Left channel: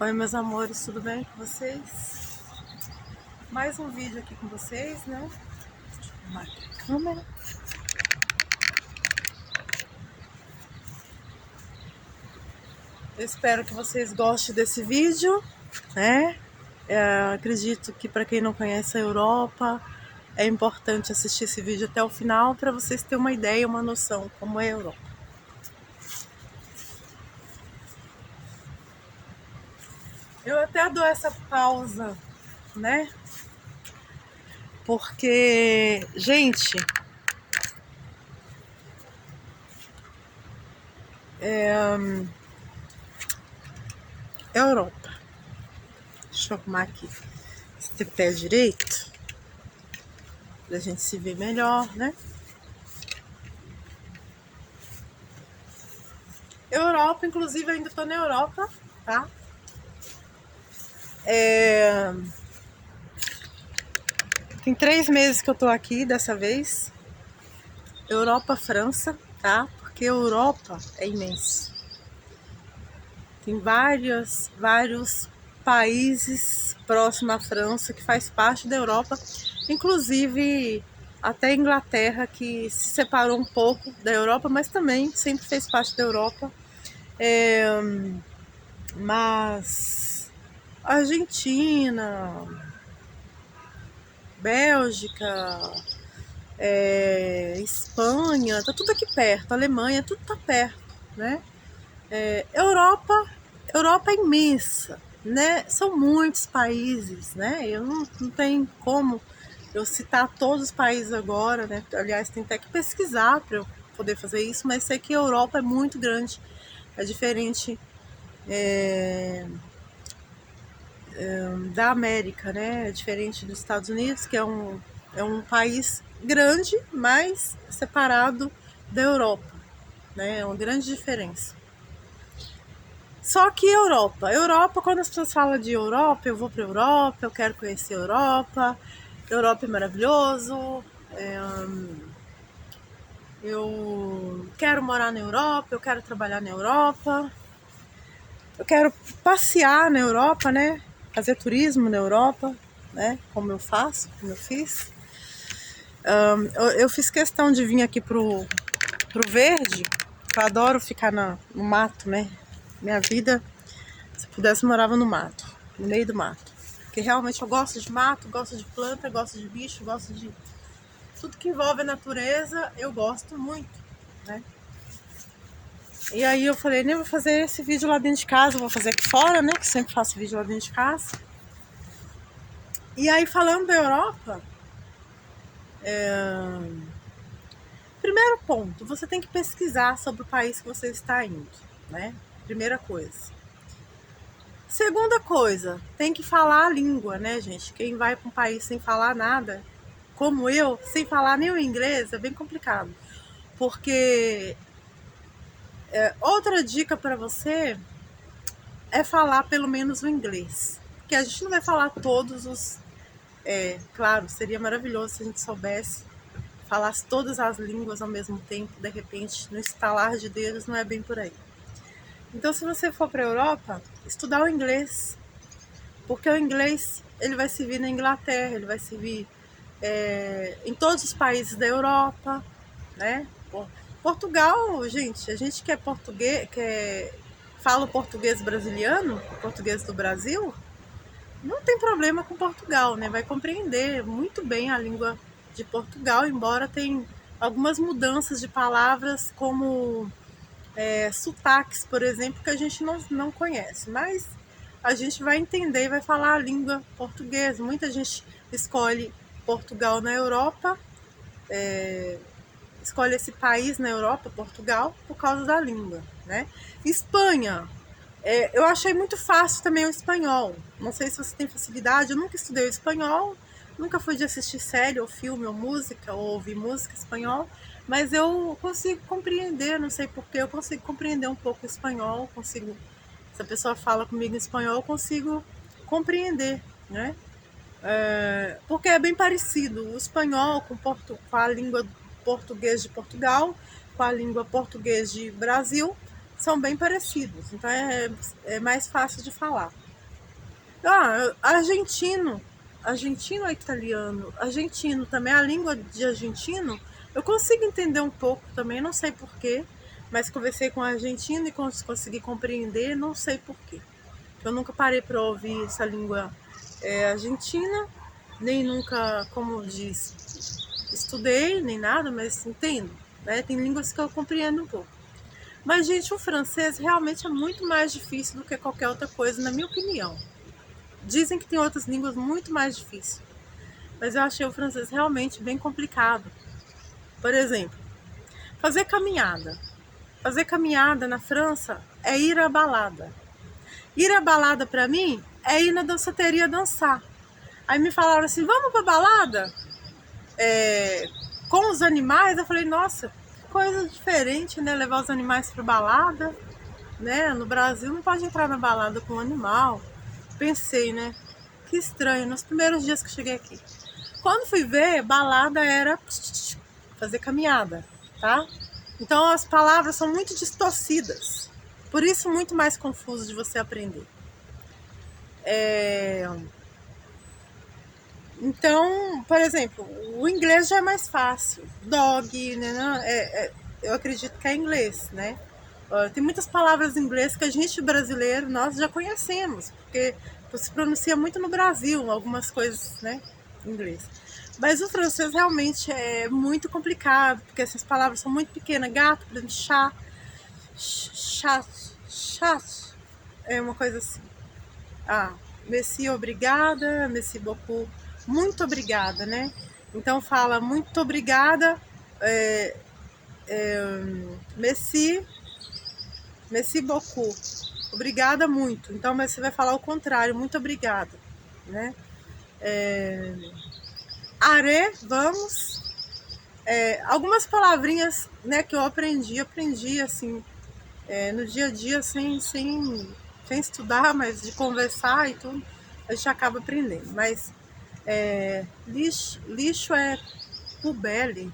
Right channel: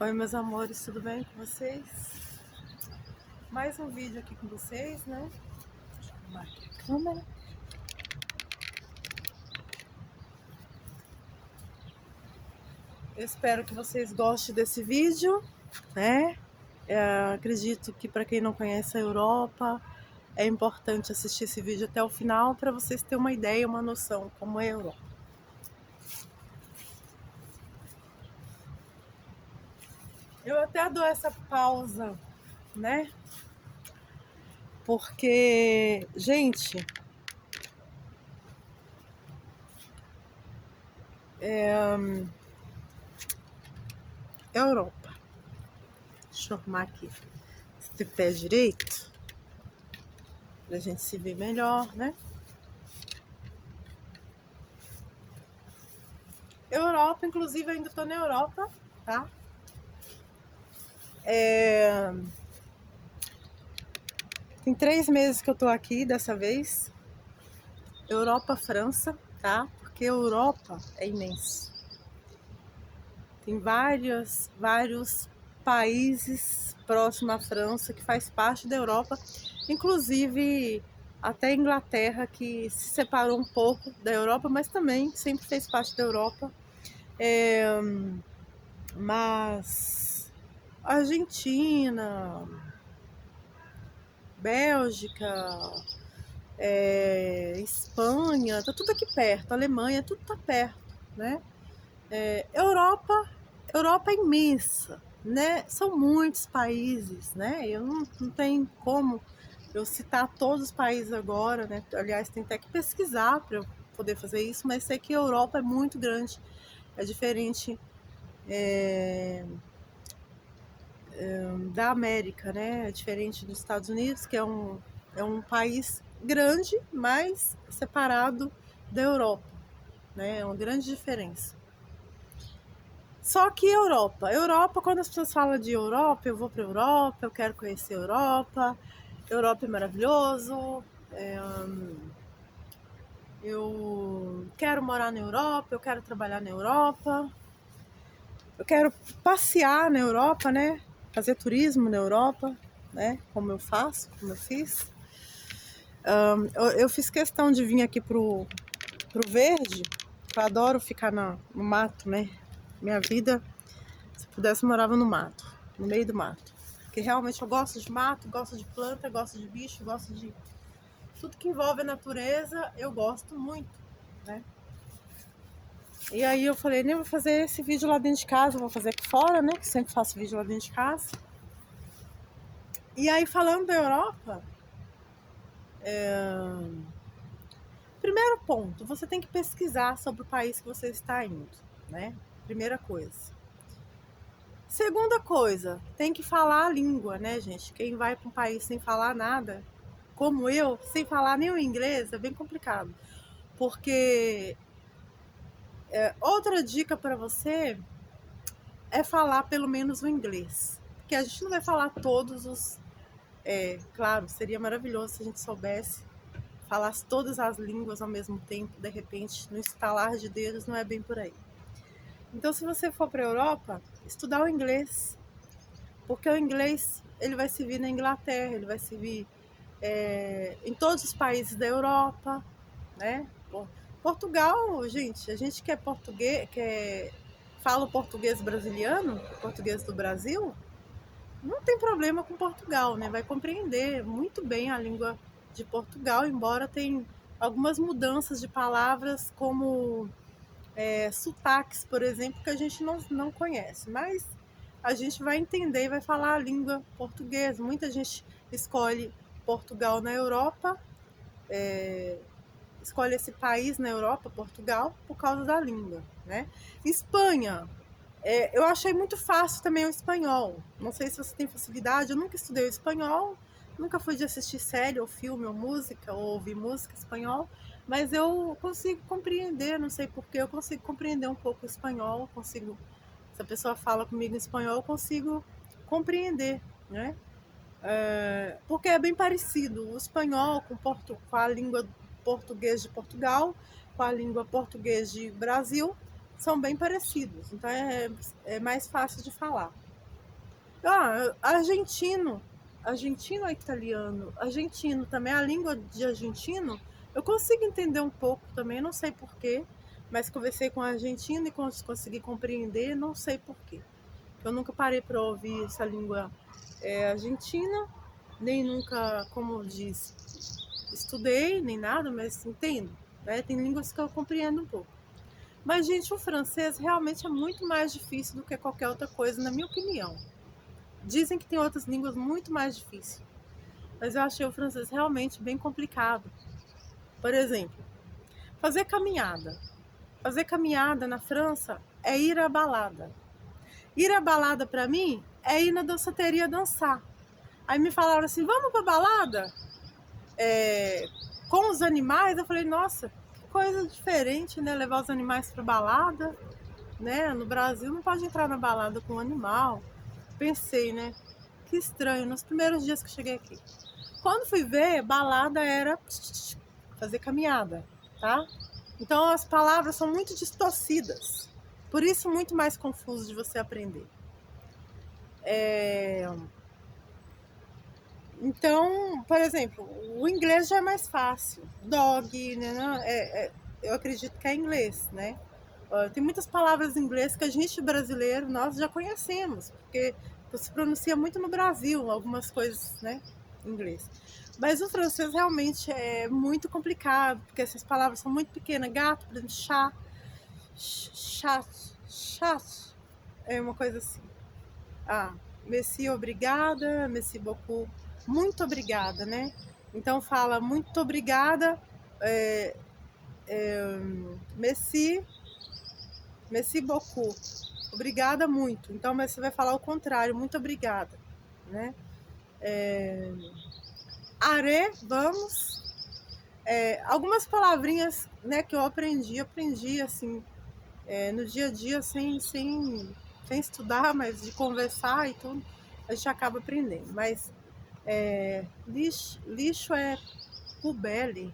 Oi, meus amores, tudo bem com vocês? Mais um vídeo aqui com vocês, né? Deixa eu arrumar aqui a câmera. Eu espero que vocês gostem desse vídeo, né? Acredito que para quem não conhece a Europa, é importante assistir esse vídeo até o final para vocês terem uma ideia, uma noção como é a Europa. Eu até dou essa pausa, né? Porque, gente, Europa. Deixa eu arrumar aqui esse pé direito pra gente se ver melhor, né? Europa, inclusive, eu ainda tô na Europa, tá? Tem 3 meses que eu tô aqui dessa vez. Europa, França, tá? Porque Europa é imenso. Tem vários países próximos à França que faz parte da Europa, inclusive até a Inglaterra, que se separou um pouco da Europa, mas também sempre fez parte da Europa. Mas Argentina, Bélgica, Espanha, tá tudo aqui perto, Alemanha, tudo tá perto, né? Europa é imensa, né? São muitos países, né? Eu não tenho como eu citar todos os países agora, né? Aliás, tem até que pesquisar para eu poder fazer isso, mas sei que a Europa é muito grande, é diferente da América, né? É diferente dos Estados Unidos, que é um país grande, mas separado da Europa, né? É uma grande diferença. Só que Europa, quando as pessoas falam de Europa, eu vou para Europa, eu quero conhecer Europa é maravilhoso, eu quero morar na Europa, eu quero trabalhar na Europa, eu quero passear na Europa, né? Fazer turismo na Europa, né? Como eu fiz. Eu fiz questão de vir aqui pro verde, eu adoro ficar no mato, né? Minha vida, se eu pudesse, eu morava no mato, no meio do mato. Porque realmente eu gosto de mato, gosto de planta, gosto de bicho, gosto de tudo que envolve a natureza, eu gosto muito, né? E aí eu falei, nem vou fazer esse vídeo lá dentro de casa, vou fazer aqui fora, né? Que sempre faço vídeo lá dentro de casa. E aí, falando da Europa, primeiro ponto, você tem que pesquisar sobre o país que você está indo, né? Primeira coisa. Segunda coisa, tem que falar a língua, né, gente? Quem vai para um país sem falar nada, como eu, sem falar nem o inglês, é bem complicado. Porque outra dica para você é falar pelo menos o inglês. Porque a gente não vai falar todos os... claro, seria maravilhoso se a gente soubesse, falasse todas as línguas ao mesmo tempo, de repente, no estalar de dedos, não é bem por aí. Então, se você for para a Europa, estudar o inglês. Porque o inglês, ele vai servir na Inglaterra, ele vai servir em todos os países da Europa, né? Portugal, gente, a gente que é português, fala o português brasiliano, o português do Brasil, não tem problema com Portugal, né? Vai compreender muito bem a língua de Portugal, embora tenha algumas mudanças de palavras, como sotaques, por exemplo, que a gente não conhece, mas a gente vai entender e vai falar a língua portuguesa. Muita gente escolhe Portugal na Europa, escolhe esse país na Europa, Portugal, por causa da língua, né? Espanha, eu achei muito fácil também o espanhol. Não sei se você tem facilidade, eu nunca estudei o espanhol, nunca fui de assistir série ou filme ou música, ou ouvir música em espanhol, mas eu consigo compreender, não sei porquê, eu consigo compreender um pouco o espanhol, se a pessoa fala comigo em espanhol, eu consigo compreender, né? Porque é bem parecido o espanhol com a língua português de Portugal, com a língua português de Brasil, são bem parecidos, então é mais fácil de falar. Argentino. Argentino é italiano. Argentino também, a língua de argentino, eu consigo entender um pouco também, não sei porquê, mas conversei com argentino e consegui compreender, não sei porquê. Eu nunca parei para ouvir essa língua argentina, nem nunca, como diz, estudei, nem nada, mas entendo. Né? Tem línguas que eu compreendo um pouco. Mas, gente, o francês realmente é muito mais difícil do que qualquer outra coisa, na minha opinião. Dizem que tem outras línguas muito mais difíceis, mas eu achei o francês realmente bem complicado. Por exemplo, fazer caminhada. Fazer caminhada na França é ir à balada. Ir à balada para mim é ir na danceteria dançar. Aí me falaram assim, vamos pra balada? Com os animais? Eu falei, nossa, que coisa diferente, né? Levar os animais pra balada, né? No Brasil não pode entrar na balada com um animal. Pensei, né? Que estranho, nos primeiros dias que cheguei aqui. Quando fui ver, balada era fazer caminhada, tá? Então as palavras são muito distorcidas. Por isso, muito mais confuso de você aprender. Então, por exemplo, o inglês já é mais fácil. Dog, né? Eu acredito que é inglês, né? Tem muitas palavras em inglês que a gente brasileiro, nós já conhecemos, porque se pronuncia muito no Brasil, algumas coisas, né, em inglês. Mas o francês realmente é muito complicado, porque essas palavras são muito pequenas. Gato, por exemplo, chat, é uma coisa assim. Merci, obrigada, merci beaucoup, muito obrigada, né? Então fala muito obrigada, merci beaucoup, obrigada muito. Então mas você vai falar o contrário, muito obrigada, né? Are, vamos. Algumas palavrinhas, né, que eu aprendi assim, no dia a dia, sem estudar, mas de conversar e tudo, a gente acaba aprendendo. Mas lixo é pubelle.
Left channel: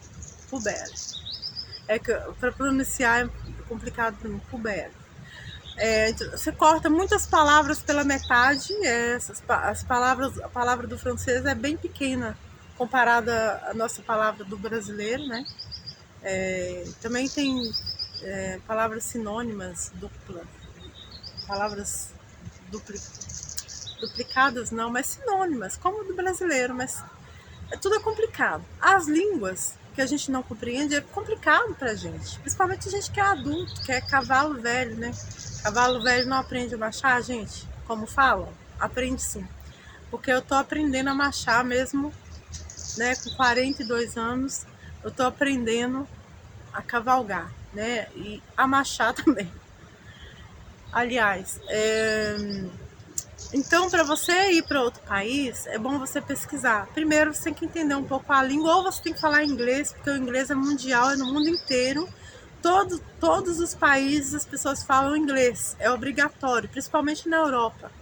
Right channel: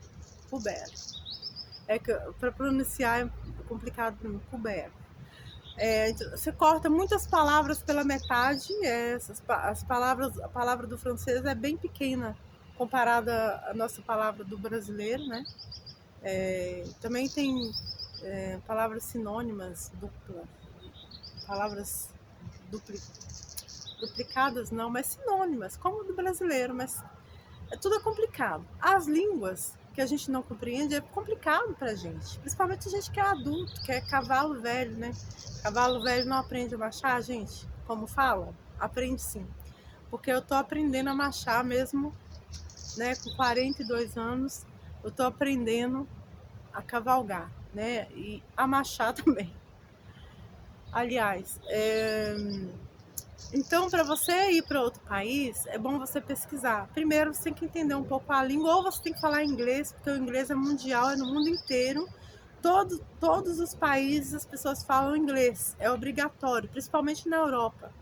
É que para pronunciar é complicado para mim, pubelle. Então, você corta muitas palavras pela metade. A palavra do francês é bem pequena comparada à nossa palavra do brasileiro, né? Também tem palavras sinônimas, palavras duplicadas não, mas sinônimas, como do brasileiro, mas tudo é complicado. As línguas que a gente não compreende é complicado pra gente, principalmente a gente que é adulto, que é cavalo velho, né? Cavalo velho não aprende a marchar, gente, como falam? Aprende sim, porque eu tô aprendendo a marchar mesmo, né? Com 42 anos, eu tô aprendendo a cavalgar, né? E a marchar também. Aliás, então, para você ir para outro país, é bom você pesquisar. Primeiro, você tem que entender um pouco a língua, ou você tem que falar inglês, porque o inglês é mundial, é no mundo inteiro. Todos os países as pessoas falam inglês, é obrigatório, principalmente na Europa.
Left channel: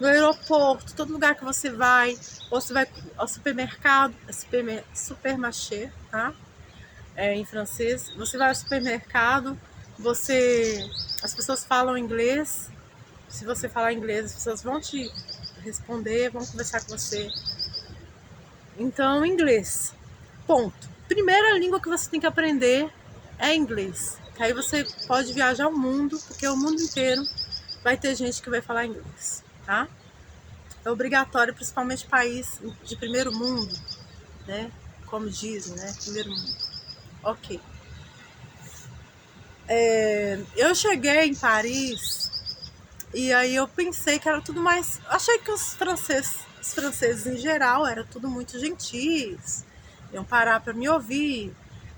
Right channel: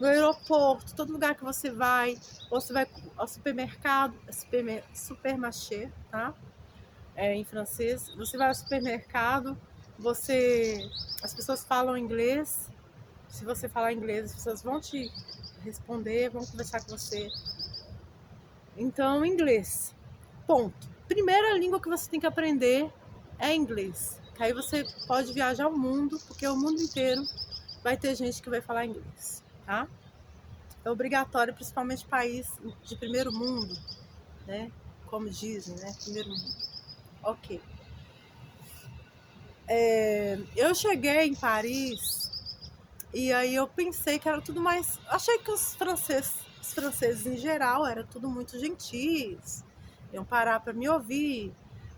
No aeroporto, todo lugar que você vai, ou você vai ao supermercado, supermarché, tá? Em francês, você vai ao supermercado, as pessoas falam inglês. Se você falar inglês, as pessoas vão te responder, vão conversar com você. Então, inglês. Ponto. Primeira língua que você tem que aprender é inglês. Que aí você pode viajar o mundo, porque o mundo inteiro vai ter gente que vai falar inglês, tá? É obrigatório, principalmente país de primeiro mundo, né? Como dizem, né? Primeiro mundo. Ok. Eu cheguei em Paris e aí eu pensei que era tudo mais... Achei que os franceses em geral eram tudo muito gentis, iam parar para me ouvir,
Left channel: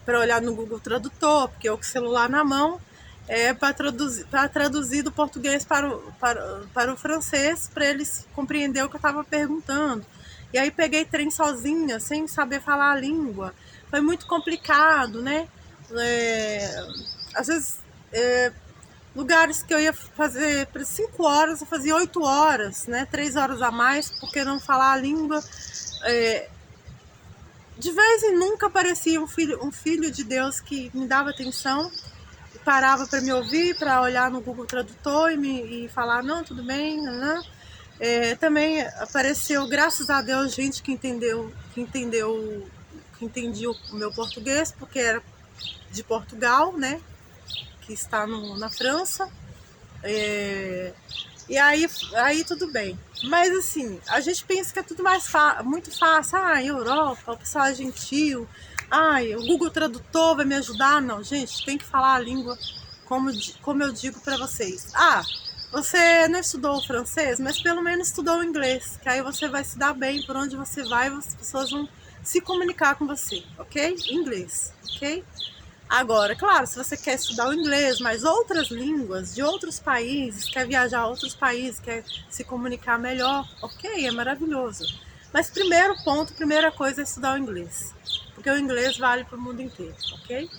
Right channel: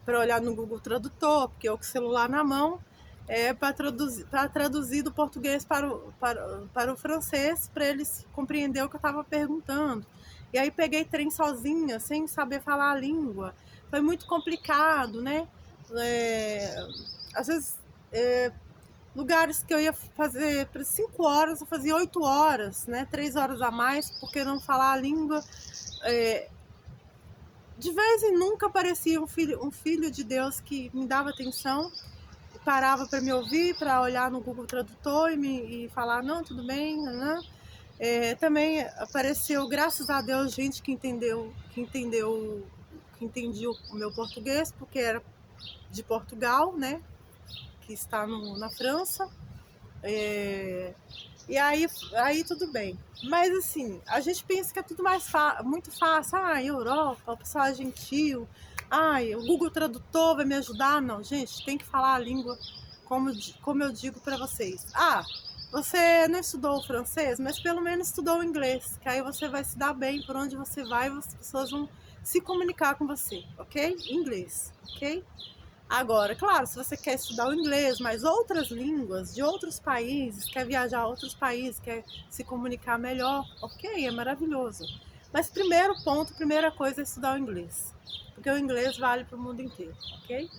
para olhar no Google Tradutor, porque eu com o celular na mão, para traduzir do português para o francês, para eles compreenderem o que eu estava perguntando. E aí peguei trem sozinha, sem saber falar a língua. Foi muito complicado, né? Às vezes, lugares que eu ia fazer por 5 horas, eu fazia 8 horas, né? 3 horas a mais, porque não falar a língua. De vez em nunca aparecia um filho de Deus que me dava atenção, parava para me ouvir, para olhar no Google Tradutor e falar, não, tudo bem, não. Também apareceu, graças a Deus, gente que entendia o meu português, porque era de Portugal, né? Que está na França. E aí tudo bem. Mas assim, a gente pensa que é tudo muito fácil. Europa, o pessoal é gentil. O Google Tradutor vai me ajudar. Não, gente, tem que falar a língua como eu digo para vocês. Você não estudou o francês, mas pelo menos estudou o inglês, que aí você vai se dar bem por onde você vai, as pessoas vão se comunicar com você, ok? Inglês, ok? Agora, claro, se você quer estudar o inglês, mas outras línguas de outros países, quer viajar a outros países, quer se comunicar melhor, ok, é maravilhoso. Mas primeira coisa é estudar o inglês, porque o inglês vale para o mundo inteiro, ok?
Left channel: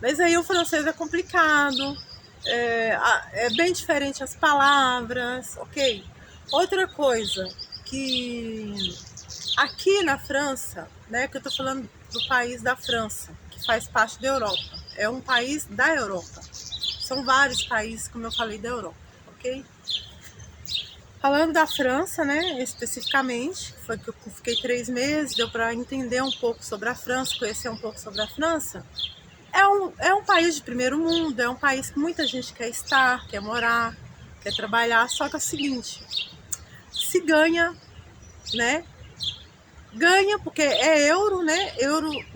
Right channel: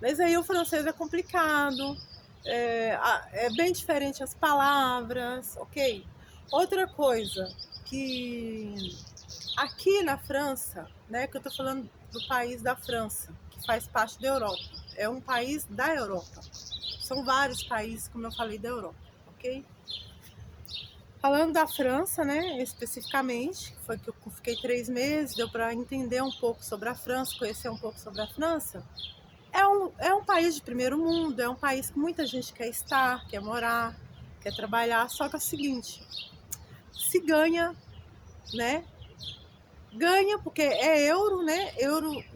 Mas aí o francês é complicado, é bem diferente as palavras, ok? Outra coisa que aqui na França, né, que eu tô falando do país da França, que faz parte da Europa, é um país da Europa. São vários países, como eu falei, da Europa, ok? Falando da França, né, especificamente, foi que eu fiquei 3 meses, deu para entender um pouco sobre a França, conhecer um pouco sobre a França. É um país de primeiro mundo, é um país que muita gente quer estar, quer morar, quer trabalhar, só que é o seguinte, se ganha, né? Ganha porque é euro, né?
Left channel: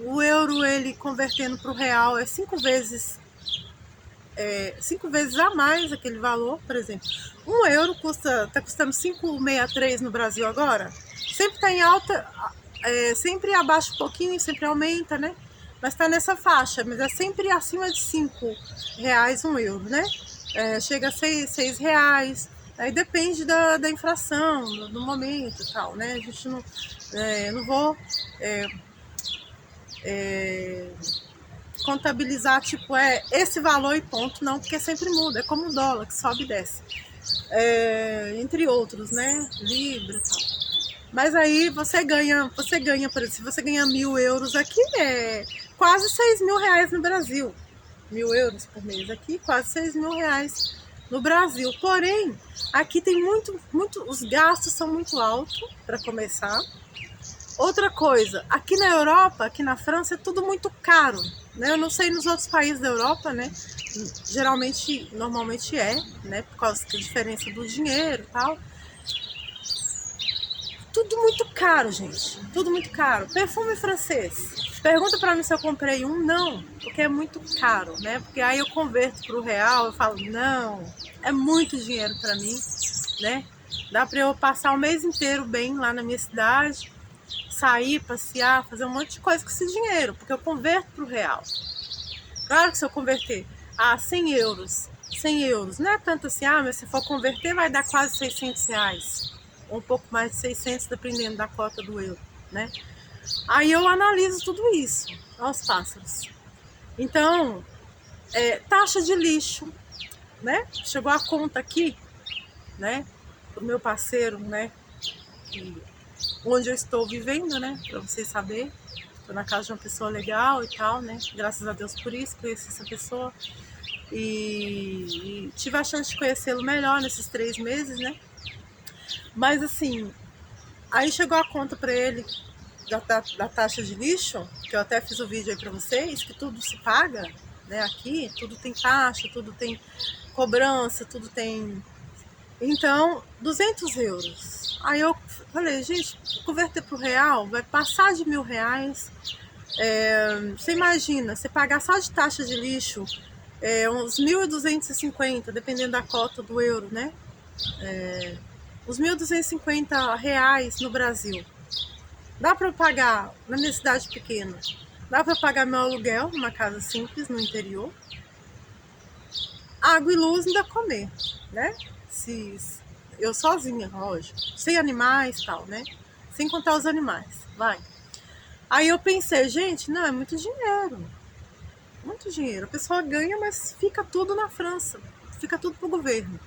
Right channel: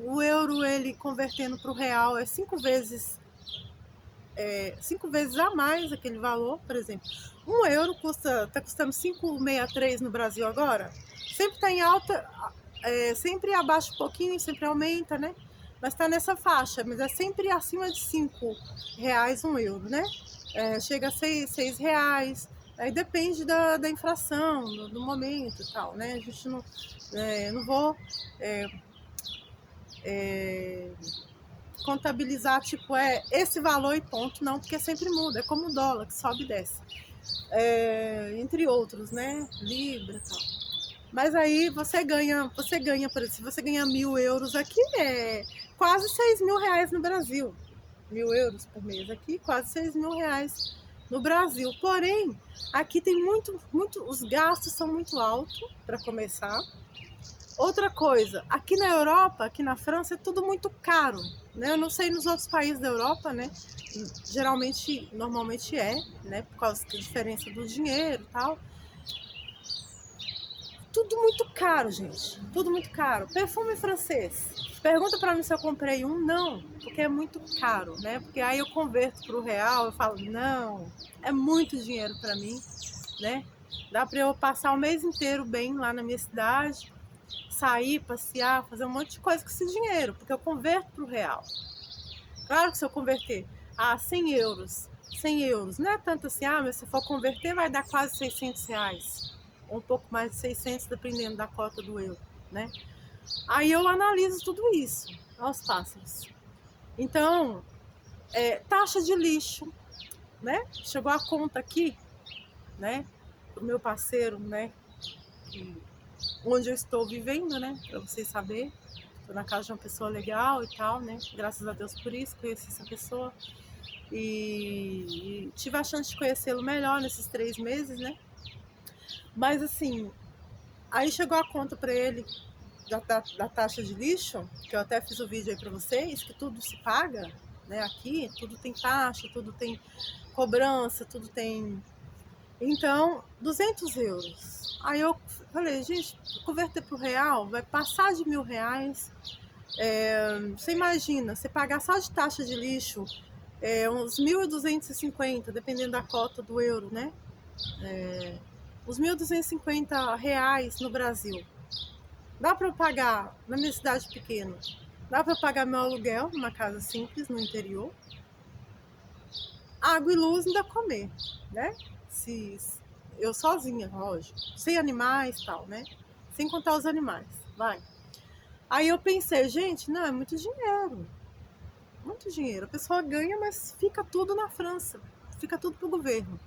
O euro, ele convertendo para o real, é 5 vezes a mais aquele valor. Por exemplo, 1 euro tá custando 5,63 no Brasil agora. Sempre está em alta, sempre abaixa um pouquinho, sempre aumenta, né? Mas está nessa faixa, mas é sempre acima de R$ 5 1 euro, né? Chega a R$ 6. Aí depende da inflação, do momento e tal, né? A gente não, eu não vou contabilizar, tipo, esse valor e ponto, não, porque sempre muda, é como o dólar, que sobe e desce. Entre outros, né? Libra e tal. Mas aí você ganha, por exemplo, se você ganhar 1.000 euros aqui, é quase R$ 6.000 no Brasil. 1.000 euros por mês aqui, quase R$ 6.000 no Brasil. Porém, aqui tem os gastos são muito altos, para começar. Outra coisa, aqui na Europa, aqui na França, é tudo muito caro, né? Eu não sei nos outros países da Europa, né? Normalmente né? Por causa da diferença do dinheiro e tal. Tudo muito caro, gente. Tudo muito caro. Perfume francês. Pergunta pra mim se eu comprei um. Não, porque é muito caro, né? Porque aí eu converto pro real, eu falo, não, é muito dinheiro pra mim, né? Dá pra eu passar o mês inteiro bem lá na minha cidade, sair, passear, fazer um monte de coisa com esse dinheiro, porque eu converto pro real. Claro que se eu converter a 100 euros, 100 euros, não é tanto assim, mas se for converter vai dar quase R$ 600, ou um pouco mais de 600, dependendo da cota do euro, né? Aí eu analiso tudo isso, aos pássaros. Então, taxa de lixo, né? Chegou a conta aqui, né? Do meu parceiro, né? Onde eu estou vivendo, né? Pra vocês saberem. Estou na casa de uma pessoa legal e tal, né? Graças a Deus por isso, conheci essa pessoa. E tive a chance de conhecê-lo melhor nesses 3 meses, né? Mas assim, aí chegou a conta para ele da taxa de lixo, que eu até fiz o vídeo aí para vocês, que tudo se paga, né? Aqui, tudo tem taxa, tudo tem cobrança, tudo tem... Então, 200 euros. Aí eu falei, gente, converter pro real vai passar de R$ 1.000. Você imagina, você pagar só de taxa de lixo uns 1.250, dependendo da cota do euro, né? Uns R$ 1.250 no Brasil. Dá para eu pagar na minha cidade pequena? Dá para eu pagar meu aluguel numa casa simples no interior? Água e luz ainda comer, né? Eu sozinha, lógico, sem animais e tal, né? Sem contar os animais, vai. Aí eu pensei, gente, não, é muito dinheiro. Muito dinheiro. A pessoa ganha, mas fica tudo na França. Fica tudo pro governo.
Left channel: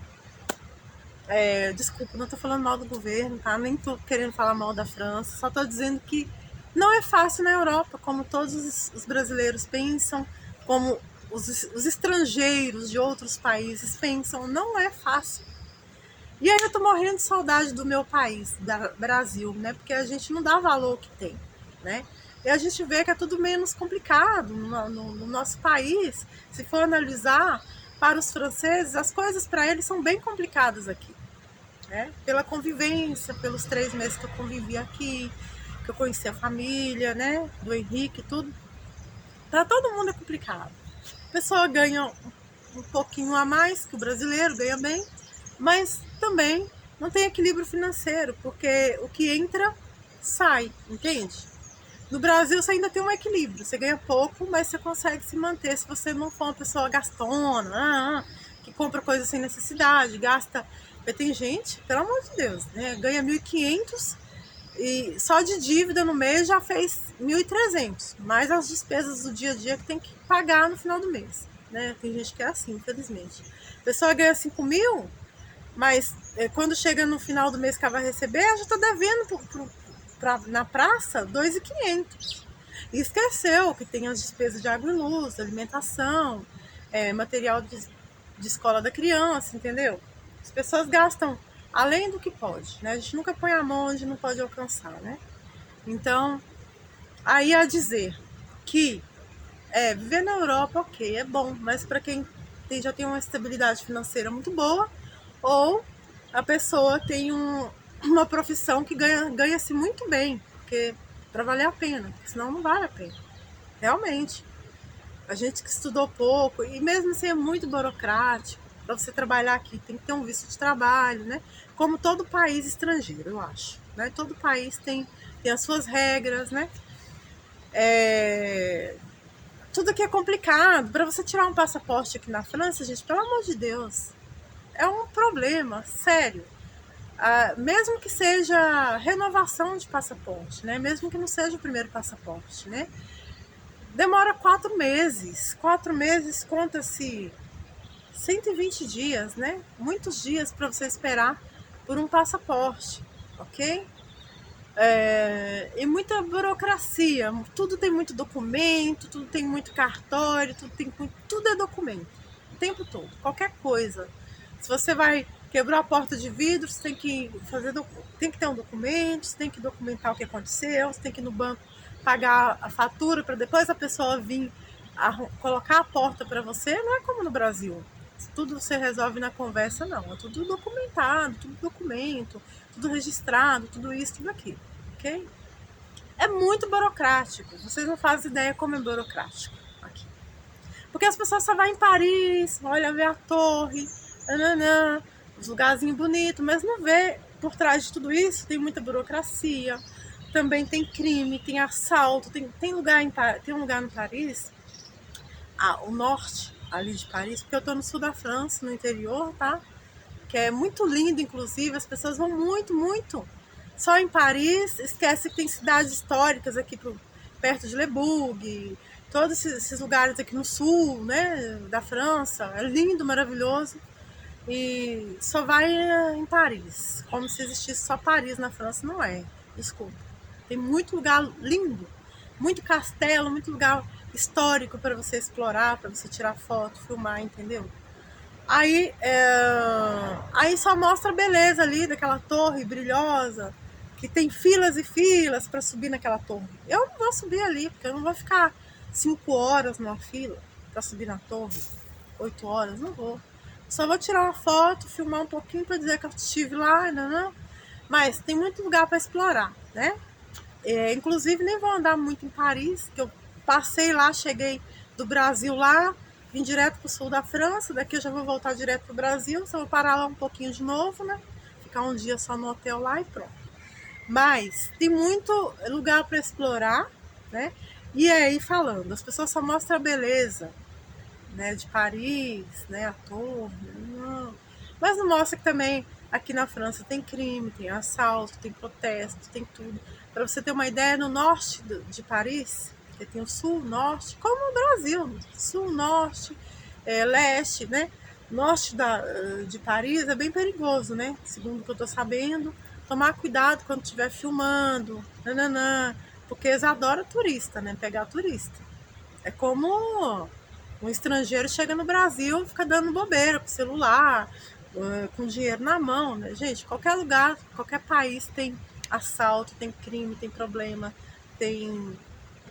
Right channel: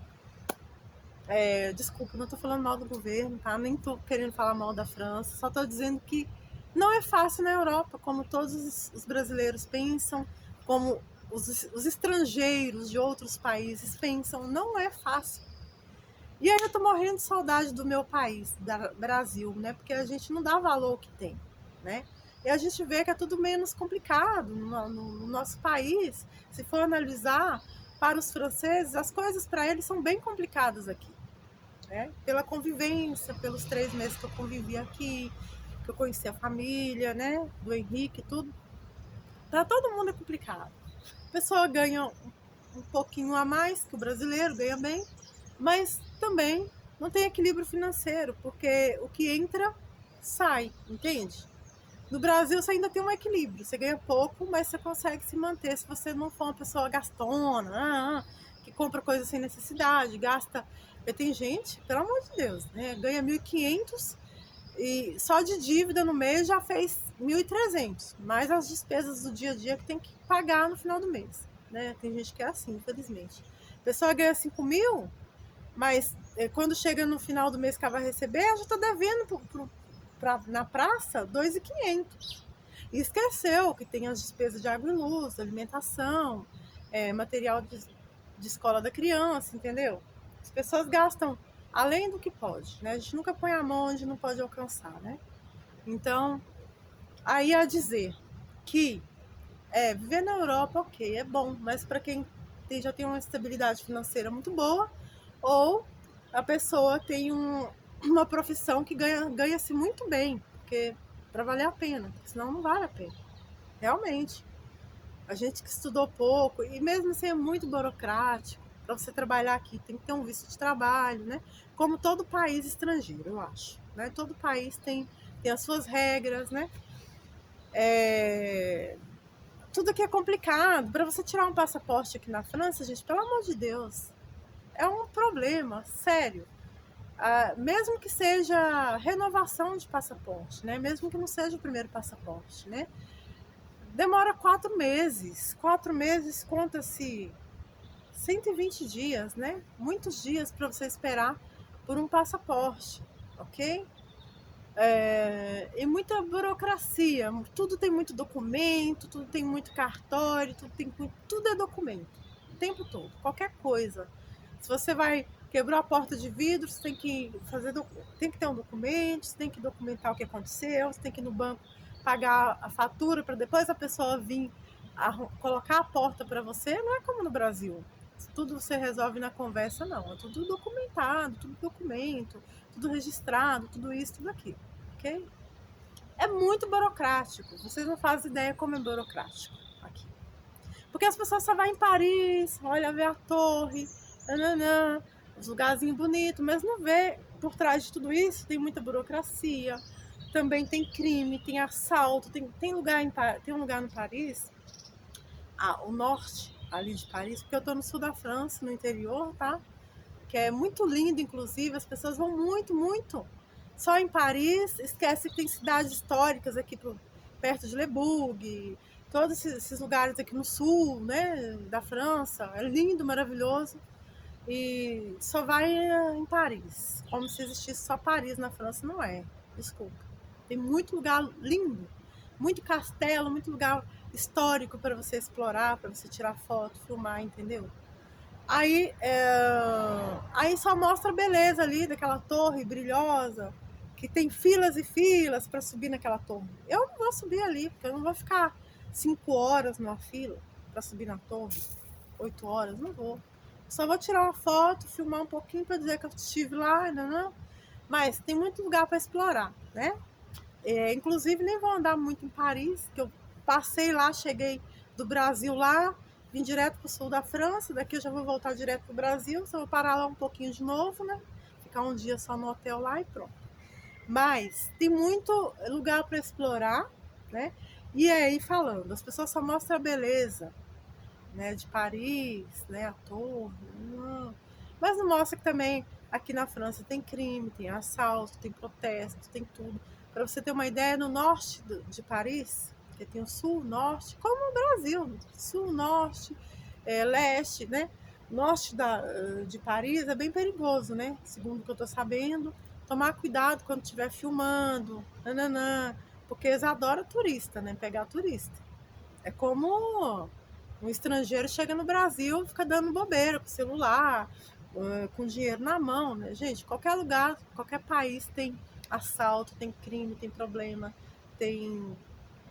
Desculpa, não tô falando mal do governo, tá? Nem tô querendo falar mal da França. Só tô dizendo que não é fácil na Europa, como todos os brasileiros pensam, como os estrangeiros de outros países pensam. Não é fácil. E aí eu tô morrendo de saudade do meu país, Brasil, né? Porque a gente não dá valor ao que tem, né? E a gente vê que é tudo menos complicado no nosso país. Se for analisar, para os franceses, as coisas para eles são bem complicadas aqui, né? Pela convivência, pelos 3 meses que eu convivi aqui, que eu conheci a família, né? Do Henrique e tudo. Para todo mundo é complicado. A pessoa ganha um pouquinho a mais que o brasileiro, ganha bem, mas também não tem equilíbrio financeiro, porque o que entra, sai, entende? No Brasil você ainda tem um equilíbrio, você ganha pouco, mas você consegue se manter se você não for uma pessoa gastona, que compra coisas sem necessidade, gasta... Tem gente, pelo amor de Deus, né? Ganha 1.500 e só de dívida no mês já fez 1.300, mais as despesas do dia a dia que tem que pagar no final do mês, né? Tem gente que é assim, infelizmente. A pessoa ganha 5.000, mas quando chega no final do mês que ela vai receber, ela já está devendo na praça 2.500. E esqueceu que tem as despesas de água e luz, alimentação, material de escola da criança, entendeu? As pessoas gastam além do que pode, né? A gente nunca põe a mão onde não pode alcançar, né? Então, aí a dizer que viver na Europa, ok, é bom, mas para quem já tem uma estabilidade financeira muito boa, ou a pessoa tem uma profissão que ganha-se muito bem, porque para valer a pena, porque senão não vale a pena. Realmente. A gente que estudou pouco, e mesmo assim é muito burocrático, para você trabalhar aqui tem que ter um visto de trabalho, né? Como todo país estrangeiro, eu acho. Né? Todo país tem as suas regras, né? Tudo aqui é complicado. Para você tirar um passaporte aqui na França, gente, pelo amor de Deus, é um problema, sério. Mesmo que seja renovação de passaporte, né? Mesmo que não seja o primeiro passaporte, né? Demora 4 meses. 4 meses conta-se 120 dias, né? Muitos dias para você esperar por um passaporte, ok? E muita burocracia, tudo tem muito documento, tudo tem muito cartório, tudo é documento, o tempo todo, qualquer coisa. Se você vai quebrar a porta de vidro, você tem que ter um documento, você tem que documentar o que aconteceu, você tem que ir no banco pagar a fatura para depois a pessoa vir colocar a porta para você. Não é como no Brasil, tudo você resolve na conversa, não. É tudo documentado, tudo documento, tudo registrado, tudo isso, tudo aquilo, ok? É muito burocrático. Vocês não fazem ideia como é burocrático aqui. Porque as pessoas só vão em Paris, olha, ver a torre, nananã, os lugarzinhos bonitos, mas não vê por trás de tudo isso, tem muita burocracia, também tem crime, tem assalto, tem um lugar no Paris, o norte ali de Paris, porque eu tô no sul da França, no interior, tá? Que é muito lindo, inclusive, as pessoas vão muito, muito. Só em Paris, esquece que tem cidades históricas aqui perto de Le Bourg, todos esses lugares aqui no sul, né, da França, é lindo, maravilhoso, e só vai em Paris, como se existisse só Paris na França, não é, desculpa. Tem muito lugar lindo, muito castelo, muito lugar histórico para você explorar, para você tirar foto, filmar, entendeu? Aí só mostra a beleza ali daquela torre brilhosa, que tem filas e filas para subir naquela torre. Eu não vou subir ali, porque eu não vou ficar 5 horas numa fila para subir na torre, 8 horas, não vou. Só vou tirar uma foto, filmar um pouquinho para dizer que eu estive lá, não. Mas tem muito lugar para explorar, né? Inclusive nem vou andar muito em Paris, que eu passei lá, cheguei do Brasil lá, vim direto pro sul da França, daqui eu já vou voltar direto pro Brasil, só vou parar lá um pouquinho de novo, né? Ficar um dia só no hotel lá e pronto. Mas tem muito lugar para explorar, né? E aí falando, as pessoas só mostram a beleza, né, de Paris, né, a torre, não. Mas não mostra que também aqui na França tem crime, tem assalto, tem protesto, tem tudo. Para você ter uma ideia, no norte de Paris, que tem o sul, norte, como no Brasil, sul, norte, leste, né? Norte de Paris é bem perigoso, né? Segundo o que eu tô sabendo, tomar cuidado quando estiver filmando, nananã, porque eles adoram turista, né? Pegar turista. É como um estrangeiro chega no Brasil, fica dando bobeira com o celular, com dinheiro na mão, né? Gente, qualquer lugar, qualquer país tem assalto, tem crime, tem problema, tem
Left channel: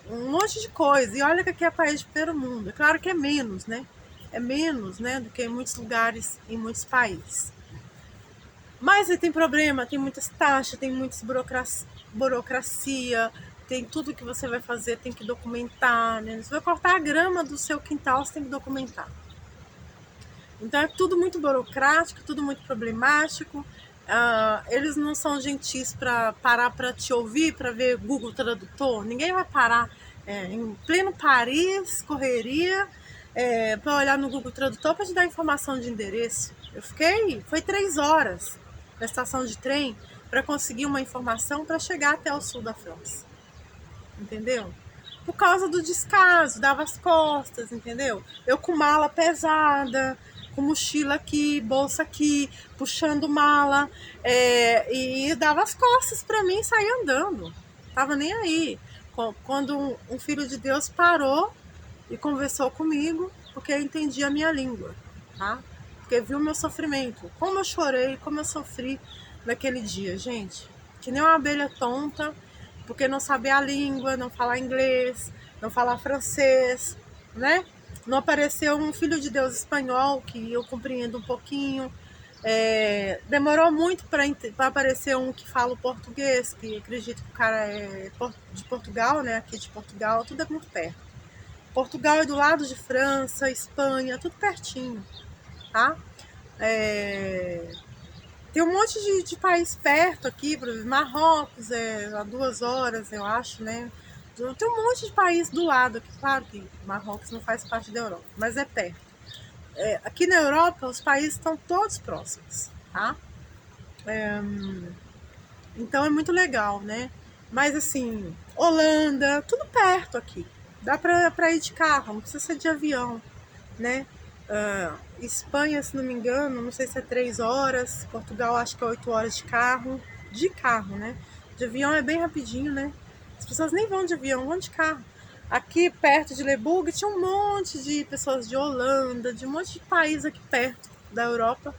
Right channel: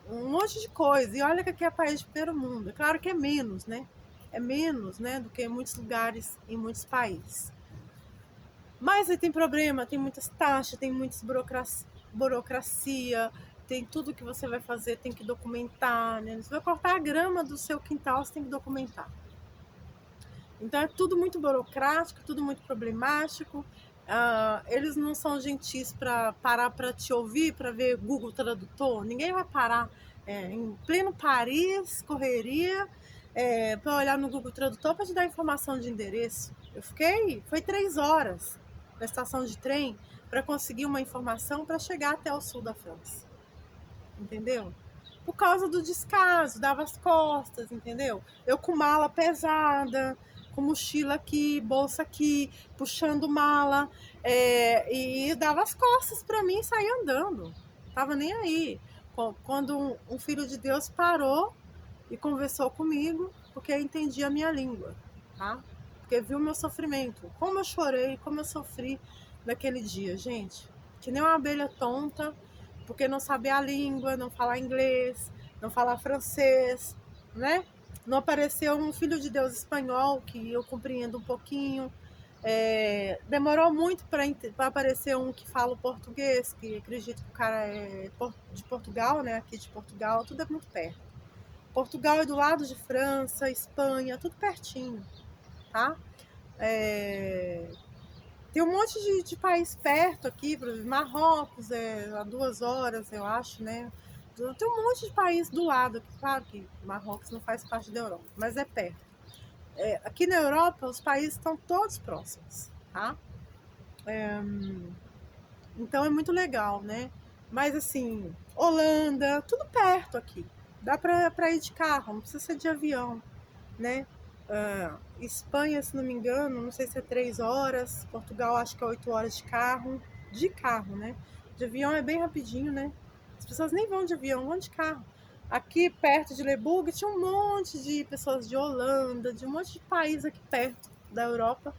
um monte de coisa. E olha que aqui é país de primeiro mundo. É claro que é menos, né? É menos, né, do que em muitos lugares, em muitos países. Mas aí tem problema, tem muitas taxas, tem muitas burocracia, tem tudo que você vai fazer, tem que documentar, né? Você vai cortar a grama do seu quintal, você tem que documentar. Então é tudo muito burocrático, tudo muito problemático. Eles não são gentis para parar para te ouvir, para ver Google Tradutor. Ninguém vai parar em pleno Paris, correria, para olhar no Google Tradutor para te dar informação de endereço. Foi 3 horas na estação de trem para conseguir uma informação para chegar até o sul da França. Entendeu? Por causa do descaso, dava as costas, entendeu? Eu com mala pesada, com mochila aqui, bolsa aqui, puxando mala, e dava as costas para mim e saía andando. Tava nem aí. Quando um filho de Deus parou e conversou comigo, porque eu entendia a minha língua, tá? Porque viu o meu sofrimento, como eu chorei, como eu sofri naquele dia, gente. Que nem uma abelha tonta, porque não sabia a língua, não falar inglês, não falar francês, né? Não apareceu um filho de Deus espanhol, que eu compreendo um pouquinho. Demorou muito para aparecer um que fala o português, que acredito que o cara é de Portugal, né? Aqui de Portugal, tudo é muito perto. Portugal é do lado de França, Espanha, tudo pertinho, tá? Tem um monte de país perto aqui, por exemplo, Marrocos a 2 horas, eu acho, né? Tem um monte de país do lado aqui, claro que Marrocos não faz parte da Europa, mas é perto. Aqui na Europa, os países estão todos próximos, tá? Então é muito legal, né? Mas assim, Holanda, tudo perto aqui. Dá pra ir de carro, não precisa ser de avião, né? Espanha, se não me engano, não sei se é 3 horas. Portugal, acho que é 8 horas de carro. De carro, né? De avião é bem rapidinho, né? As pessoas nem vão de avião, vão de carro. Aqui perto de Leburg tinha um monte de pessoas de Holanda, de um monte de país aqui perto da Europa,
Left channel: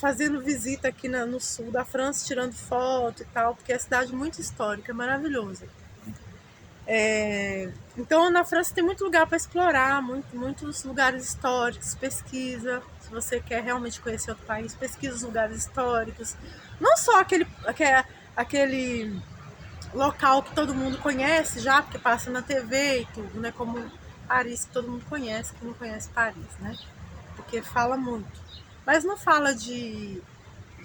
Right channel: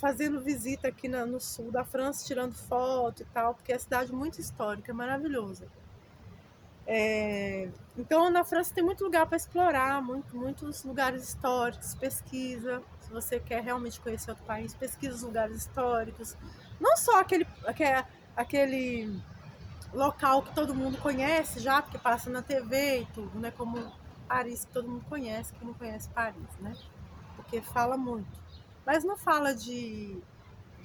fazendo visita aqui no sul da França, tirando foto e tal, porque é uma cidade muito histórica, é maravilhosa. Então na França tem muito lugar para explorar, muitos lugares históricos, pesquisa. Se você quer realmente conhecer outro país, pesquisa os lugares históricos. Não só aquele local que todo mundo conhece já, porque passa na TV e tudo, né? Como Paris, que todo mundo conhece, quem não conhece Paris, né? Porque fala muito. Mas não fala de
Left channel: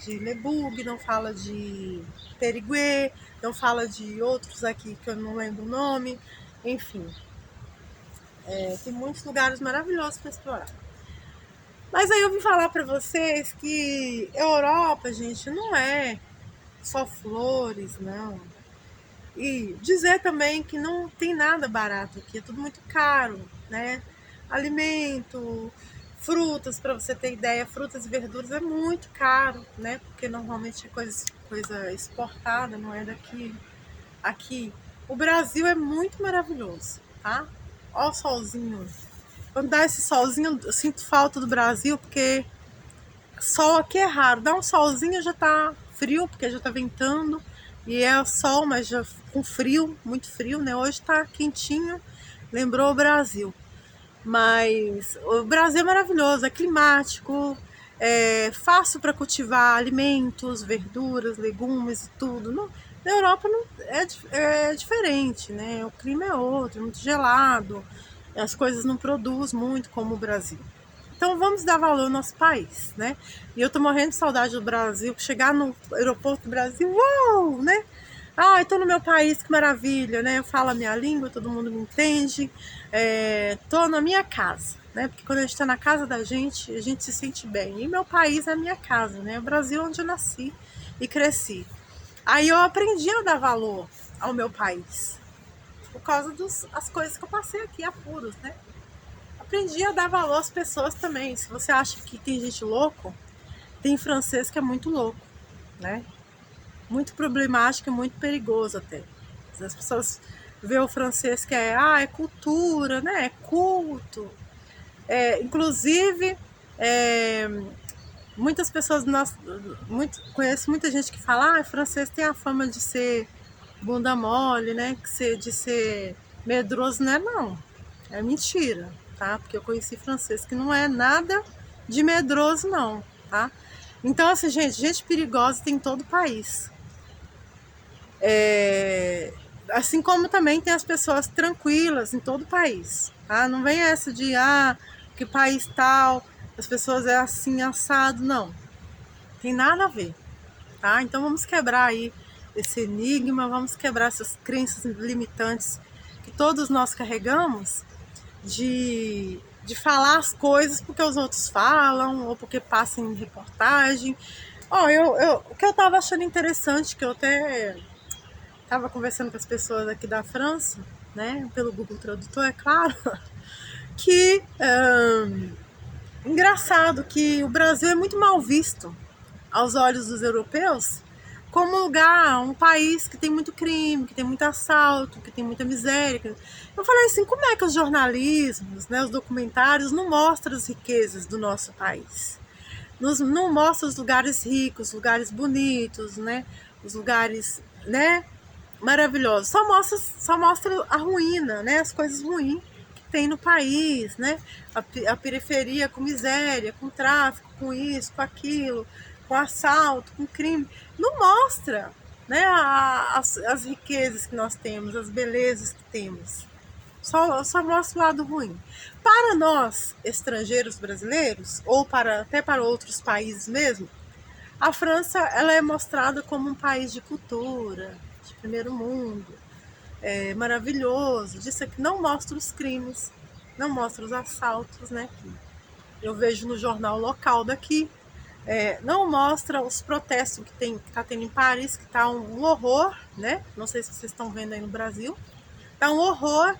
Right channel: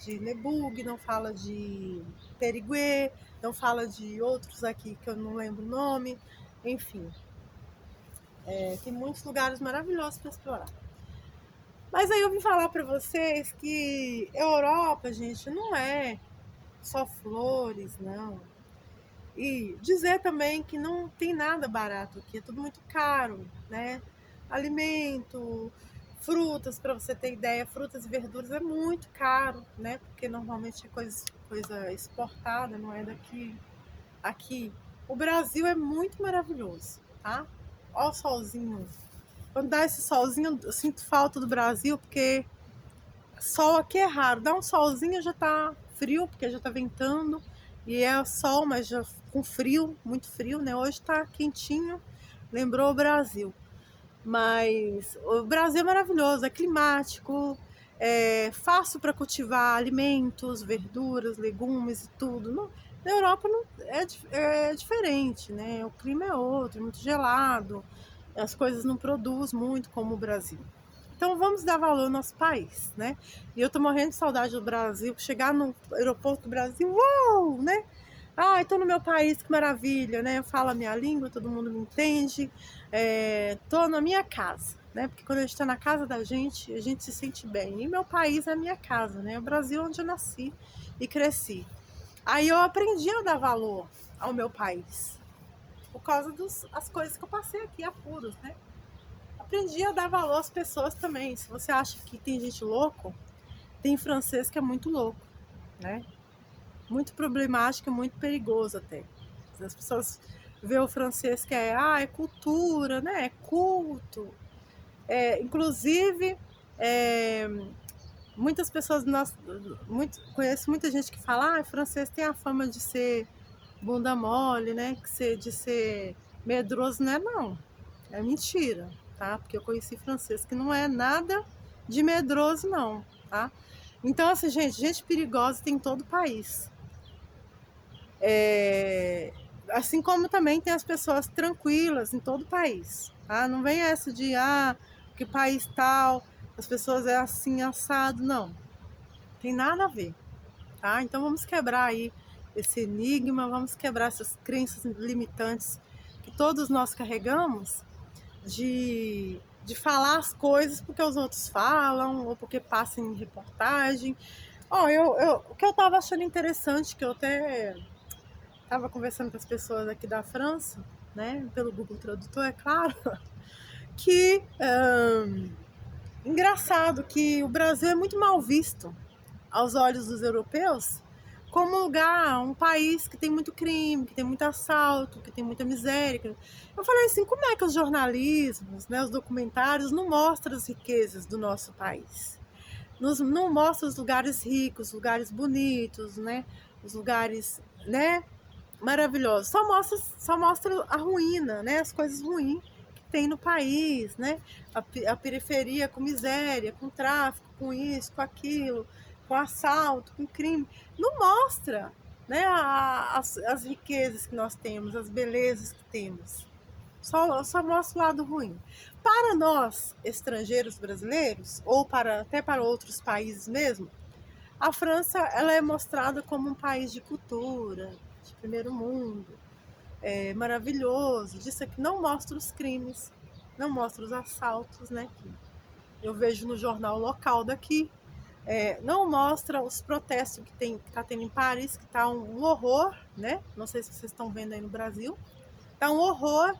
Leburg, não fala de Perigueux, não fala de outros aqui que eu não lembro o nome. Enfim, tem muitos lugares maravilhosos para explorar. Mas aí eu vim falar para vocês que Europa, gente, não é só flores, não. E dizer também que não tem nada barato aqui, é tudo muito caro, né? Alimento, frutas, para você ter ideia, frutas e verduras é muito caro, né? Porque normalmente é coisa exportada, não é daqui. Aqui, o Brasil é muito maravilhoso, tá? Ó o solzinho. Quando dá esse solzinho, eu sinto falta do Brasil, porque sol aqui é raro. Dá um solzinho, já tá frio, porque já tá ventando. E é sol, mas já com frio, muito frio, né? Hoje tá quentinho, lembrou o Brasil. Mas o Brasil é maravilhoso, é climático, é fácil para cultivar alimentos, verduras, legumes e tudo. Na Europa não, é diferente, né? O clima é outro, é muito gelado, as coisas não produzem muito como o Brasil. Então vamos dar valor ao nosso país, né? E eu tô morrendo de saudade do Brasil, chegar no aeroporto do Brasil, uau, né? Ah, estou no meu país, que maravilha, né? Eu falo a minha língua, todo mundo me entende. Tô na minha casa, né? Porque quando a gente está na casa da gente, a gente se sente bem. E meu país é a minha casa, né? O Brasil onde eu nasci e cresci. Aí eu aprendi a dar valor ao meu país, por causa das coisas que eu passei aqui, apuros, né? Aprendi a dar valor às pessoas também. Se você acha que tem gente louco, tem francês que é muito louco, né? Muito problemático e muito perigoso até. As pessoas veem o francês que é cultura, né? É culto. Inclusive, muitas pessoas, conheço muita gente que fala, francês tem a fama de ser bunda mole, né? De ser medroso, né? Não, é mentira, tá? Porque eu conheci francês que não é nada de medroso, não, tá? Então, assim, gente perigosa tem em todo o país. Assim como também tem as pessoas tranquilas em todo o país, tá? Não vem essa de, que país tal, as pessoas é assim, assado, não. Tem nada a ver, tá? Então vamos quebrar aí esse enigma, vamos quebrar essas crenças limitantes que todos nós carregamos de falar as coisas porque os outros falam ou porque passam em reportagem. O que eu tava achando interessante, que eu até tava conversando com as pessoas aqui da França, né, pelo Google Tradutor, é claro, que engraçado que o Brasil é muito mal visto aos olhos dos europeus como um país que tem muito crime, que tem muito assalto, que tem muita miséria. Eu falei assim, como é que os jornalismos, né, os documentários não mostram as riquezas do nosso país? Não mostram os lugares ricos, lugares bonitos, né, os lugares, né, maravilhosos. Só mostra a ruína, né, as coisas ruins que tem no país, né, a periferia com miséria, com tráfico, com isso, com aquilo, com assalto, com crime. Não mostra, né, as riquezas que nós temos, as belezas que temos. Só mostra o lado ruim. Para nós, estrangeiros brasileiros, ou até para outros países mesmo, a França ela é mostrada como um país de cultura, de primeiro mundo, maravilhoso. Disso aqui não mostra os crimes, não mostra os assaltos, né? Eu vejo no jornal local daqui. Não mostra os protestos que está tendo em Paris, que está um horror, né? Não sei se vocês estão vendo aí no Brasil. Está um horror.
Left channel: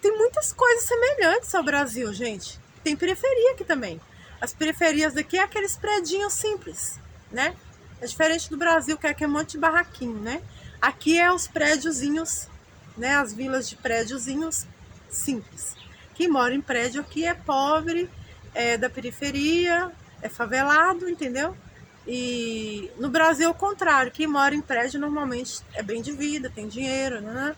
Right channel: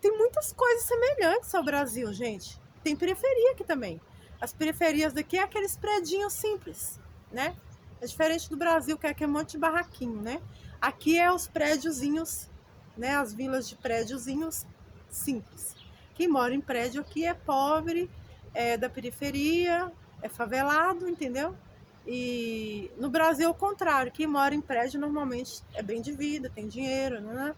Tem muitas coisas semelhantes ao Brasil, gente. Tem periferia aqui também. As periferias daqui é aqueles predinhos simples, né? É diferente do Brasil, que aqui é um monte de barraquinho, né? Aqui é os prédiozinhos, né? As vilas de prédiozinhos simples. Quem mora em prédio aqui é pobre, é da periferia, é favelado, entendeu? E no Brasil é o contrário. Quem mora em prédio normalmente é bem de vida, tem dinheiro, né?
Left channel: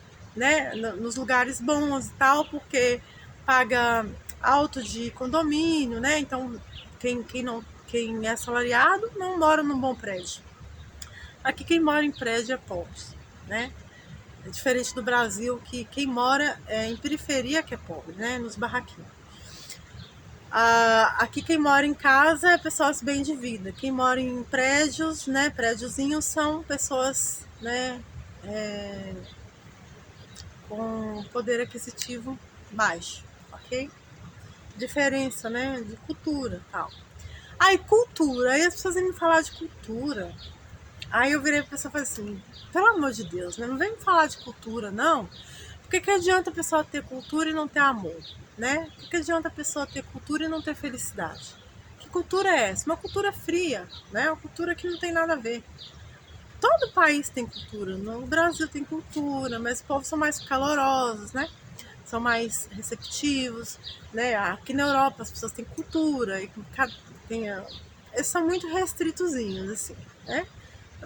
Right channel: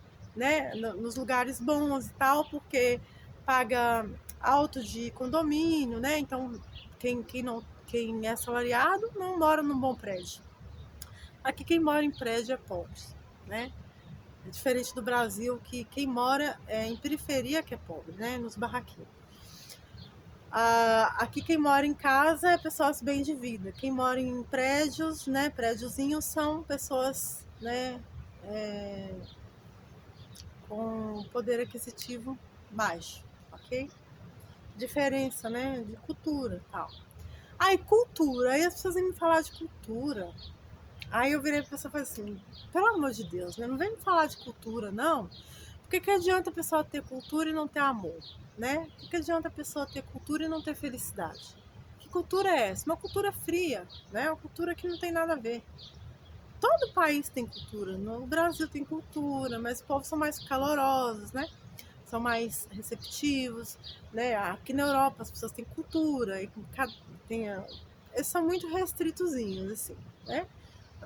Nos lugares bons e tal, porque paga alto de condomínio, né? Então quem é assalariado não mora num bom prédio. Aqui quem mora em prédio é pobre, né? É diferente do Brasil, que quem mora em periferia que é pobre, né? Nos barraquinhos. Aqui quem mora em casa é pessoas bem de vida. Quem mora em prédios, né? Prédiozinhos são pessoas, né? Com poder aquisitivo baixo, ok? Diferença, né? De cultura e tal. Cultura. Aí as pessoas vêm me falar de cultura. Aí eu virei pra pessoa e falei assim, pelo amor de Deus, né? Não vem me falar de cultura, não. Porque que adianta a pessoa ter cultura e não ter amor, né? Que adianta a pessoa ter cultura e não ter felicidade? Que cultura é essa? Uma cultura fria, né? Uma cultura que não tem nada a ver. Todo país tem cultura. No Brasil tem cultura, mas os povos são mais calorosos, né? São mais receptivos, né? Aqui na Europa as pessoas têm cultura, eles são muito restritozinhos, assim, né?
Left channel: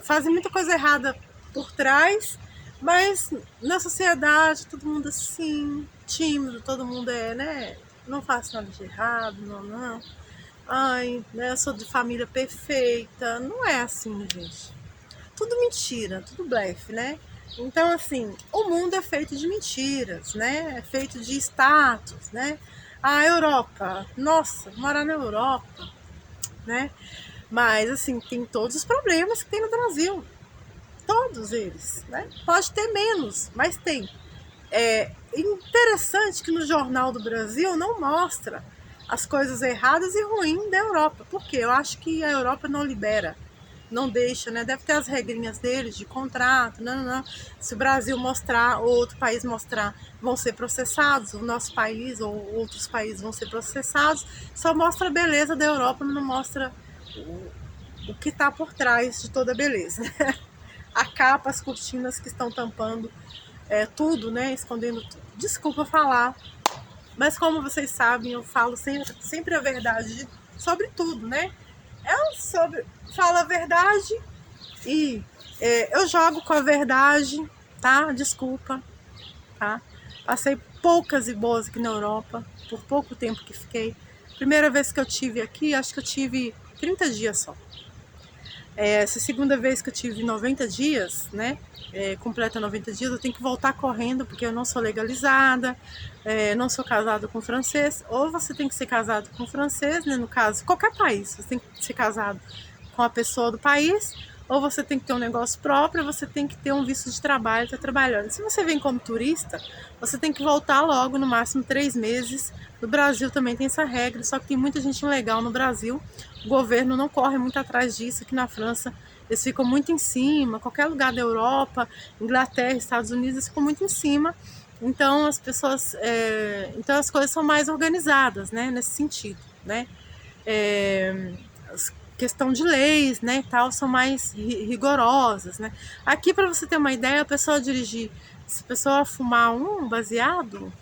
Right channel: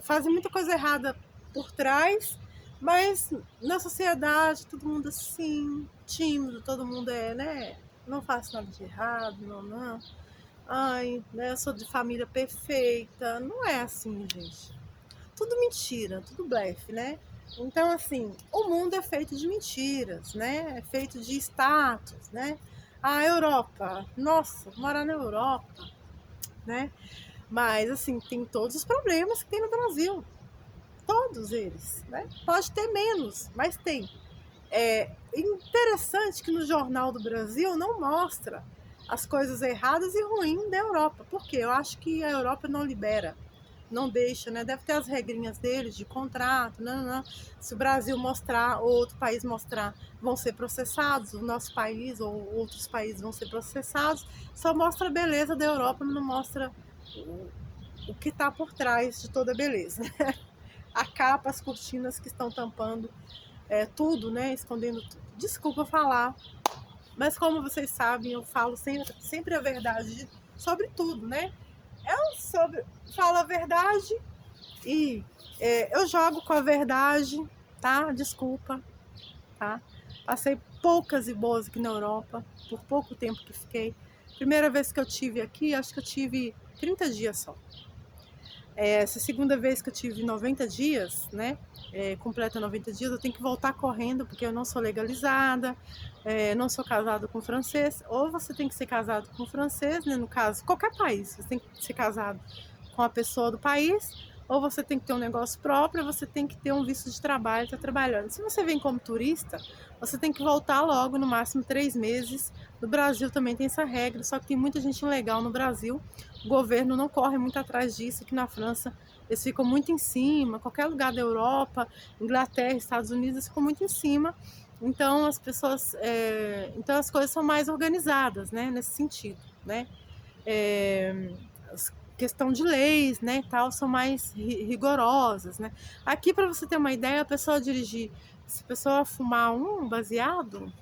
Fazem muita coisa errada por trás, mas na sociedade todo mundo assim, tímido, todo mundo né? Não faço nada de errado, não. Ai, né? Eu sou de família perfeita. Não é assim, gente. Tudo mentira, tudo blefe, né? Então, assim, o mundo é feito de mentiras, né? É feito de status, né? A Europa, nossa, morar na Europa, né? Mas, assim, tem todos os problemas que tem no Brasil. Todos eles, né? Pode ter menos, mas tem. É interessante que no Jornal do Brasil não mostra as coisas erradas e ruins da Europa. Por quê? Eu acho que a Europa não libera, não deixa, né? Deve ter as regrinhas deles de contrato, não. Se o Brasil mostrar ou outro país mostrar, vão ser processados, o nosso país ou outros países vão ser processados. Só mostra a beleza da Europa, não mostra o que está por trás de toda a beleza. A capa, as cortinas que estão tampando tudo, né? Escondendo tudo. Desculpa falar, mas como vocês sabem, eu falo sempre a verdade sobre tudo, né? Fala a verdade e eu jogo com a verdade, tá? Desculpa, tá? Passei poucas e boas aqui na Europa, por pouco tempo que fiquei. Primeira vez que eu tive aqui, acho que eu tive 30 dias só. Essa segunda vez que eu tive 90 dias, né? Completa 90 dias, eu tenho que voltar correndo, porque eu não sou legalizada, não sou casada com francês. Ou você tem que ser casado com francês, né? No caso, qualquer país, você tem que ser casado com a pessoa do país, ou você tem que ter um negócio próprio, você tem que ter um visto de trabalho, tá trabalhando. Se você vem como turista, você tem que voltar logo, no máximo 3 meses. No Brasil também tem essa regra, só que tem muita gente ilegal no Brasil. O governo não corre muito atrás disso. Aqui na França eles ficam muito em cima, qualquer lugar da Europa, Inglaterra, Estados Unidos, eles ficam muito em cima. Então as pessoas, então as coisas são mais organizadas, né, nesse sentido, né? Questão de leis, né, e tal, são mais rigorosas, né? Aqui, para você ter uma ideia, a pessoa dirigir, se a pessoa fumar um baseado,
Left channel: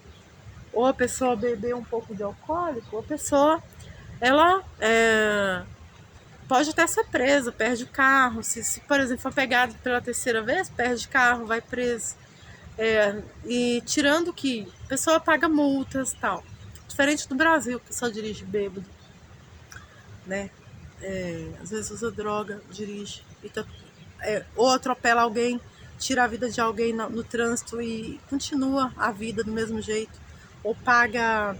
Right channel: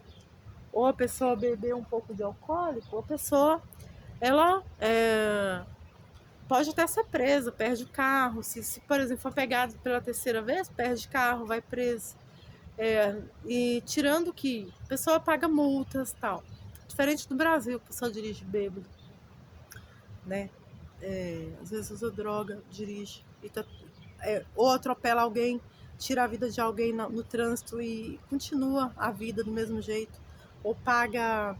ou a pessoa beber um pouco de alcoólico, a pessoa, ela pode até ser presa, perde o carro. Se, por exemplo, for pegado pela terceira vez, perde carro, vai preso. E tirando que a pessoa paga multas e tal. Diferente do Brasil, a pessoa dirige bêbado, né? Às vezes usa droga, dirige, ou atropela alguém, tira a vida de alguém no trânsito e continua a vida do mesmo jeito. Ou paga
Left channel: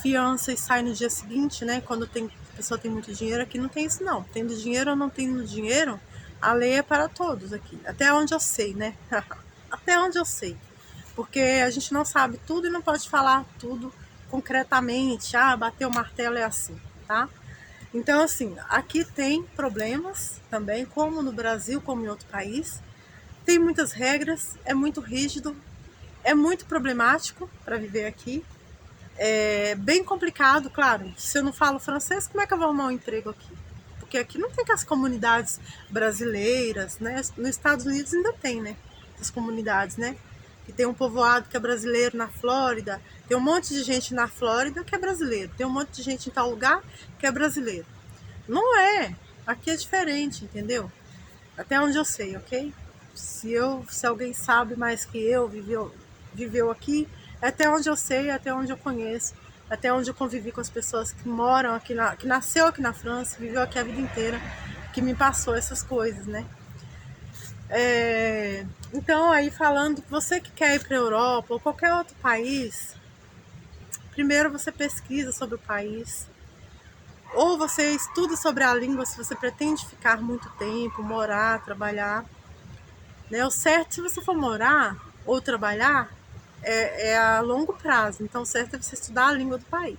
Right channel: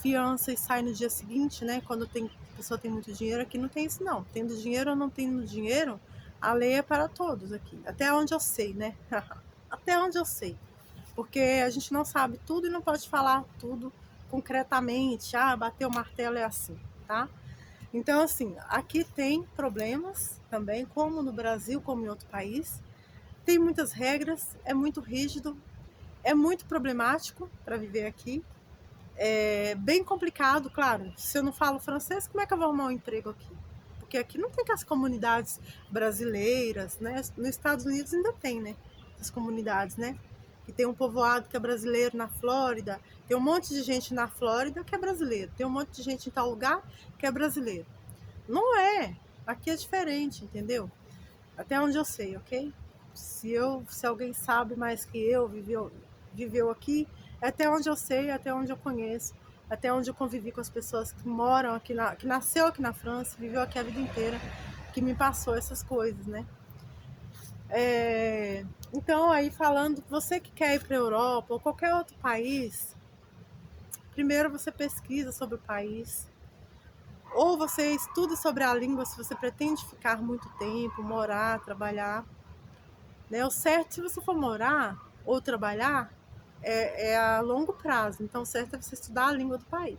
fiança e sai no dia seguinte, né? Quando a pessoa tem muito dinheiro. Aqui não tem isso não. Tendo dinheiro ou não tendo dinheiro, a lei é para todos aqui. Até onde eu sei, né? Até onde eu sei. Porque a gente não sabe tudo e não pode falar tudo concretamente. Bater o martelo é assim, tá? Então, assim, aqui tem problemas também, como no Brasil, como em outro país. Tem muitas regras, é muito rígido, é muito problemático para viver aqui. É bem complicado, claro. Se eu não falo francês, como é que eu vou arrumar um emprego aqui? Porque aqui não tem as comunidades brasileiras, né? Nos Estados Unidos ainda tem, né? As comunidades, né? Que tem um povoado que é brasileiro na Flórida, tem um monte de gente na Flórida que é brasileiro, tem um monte de gente em tal lugar que é brasileiro. Não é. Aqui é diferente, entendeu? Até onde eu sei, ok? Se alguém sabe mais que eu, viveu aqui, é até onde eu sei, é até onde eu conheço, é até onde eu convivi com as pessoas que moram aqui, que nasceu aqui na França, viveu aqui a vida inteira, que me passou essas coisas, né? Então, aí falando, você que quer ir para a Europa ou qualquer outro país, primeiro você pesquisa sobre o país, ou você estuda sobre a língua se você pretende ficar muito tempo, morar, trabalhar, né? O certo, se você for morar ou trabalhar, é a longo prazo. Então, o certo é você estudar a língua do país.